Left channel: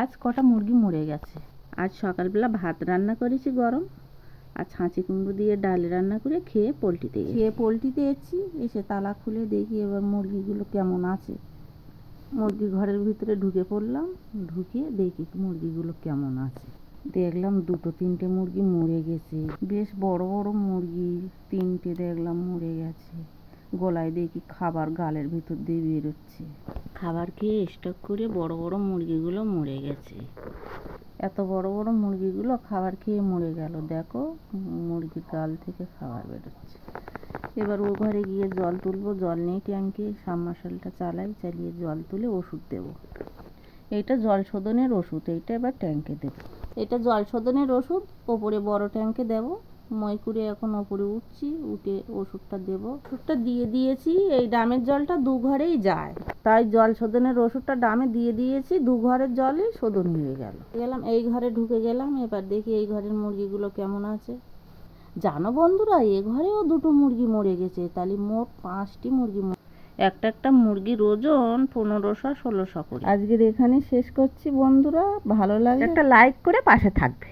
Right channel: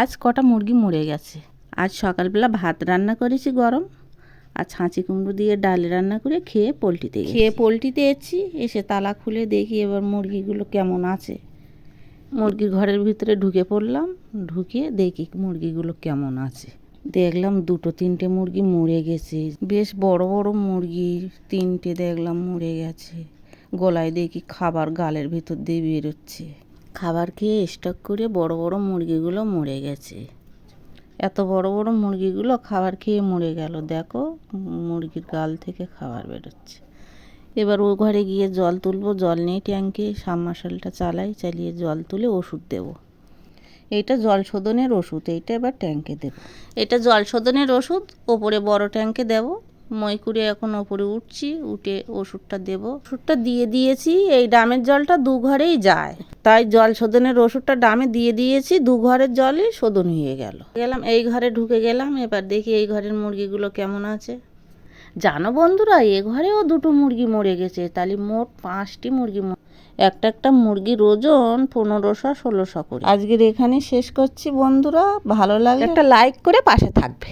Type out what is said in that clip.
আজ কটা মুরগি মরে গেছে। আজ সকালবেলা ভাত রান্না করেছি গরম, আর ছাঁচি কুমড়ো দিয়ে ডাল রান্না করে খেয়ে পোলট্রিতে এসেছি। এসে তালা খুলে দেখি এবার মুরগিগুলো কেমন আছে। মুরগির ঘরের ভিতরে ঢুকে পড়লাম, ঢুকে দেখি মুরগিগুলো কেমন আছে। দেখলাম দুটো তিনটে মুরগি মরে গেছে, বেশ বড় বড় মুরগি। তিনটে দেখলাম মরে গেছে। গলায় দেখি খাবার গালের ভিতর দিয়ে বেরোচ্ছে। খাবার খেয়ে স্টক করে বড় বড় মুরগিগুলো মরে গেছে। এত বড় বড় মুরগিগুলো খাবার খেয়ে মরে গেল। দেখো মুরগির গাল থেকে খাবার বেরোচ্ছে। এবার ও ঘরে গিয়ে জল তুলবো, জল নেই ট্যাঙ্কে, সাবমার্শালটা চালিয়ে জল তুলে ওষুধ দেব। এইটা জল শোধনের ওষুধ, এইটা এবার ট্যাঙ্কে দেব। এটা জল শোধনের ওষুধ, ওপরে বড় ট্যাঙ্কে দেব। মই করে এখন ওপরে উঠছি, উঠে ওষুধটা দেব। ওষুধটা দিয়ে দিয়েছি। এই ডামের জলটা দু ঘরেই যায়, তাই জল শোধনের ওষুধটা ডামে দিয়ে দিয়েছি। দু ঘরের জলই শোধন হয়ে গেলাম এই ঘরে ঢুকে গেলাম। এবার দেখি এই ঘরের মুরগিগুলো কেমন আছে। জানো বন্ধুরা, এ ঘরেও দুটো মুরগি মরে গেছে, তাহলে মোট 5টি মুরগি। একটা মুরগির ওজন 1500-1600 করে। আজকের এখানে শেষ করছি বন্ধুরা। ভালো লাগলে একটা লাইক করে পাশে থাকবে।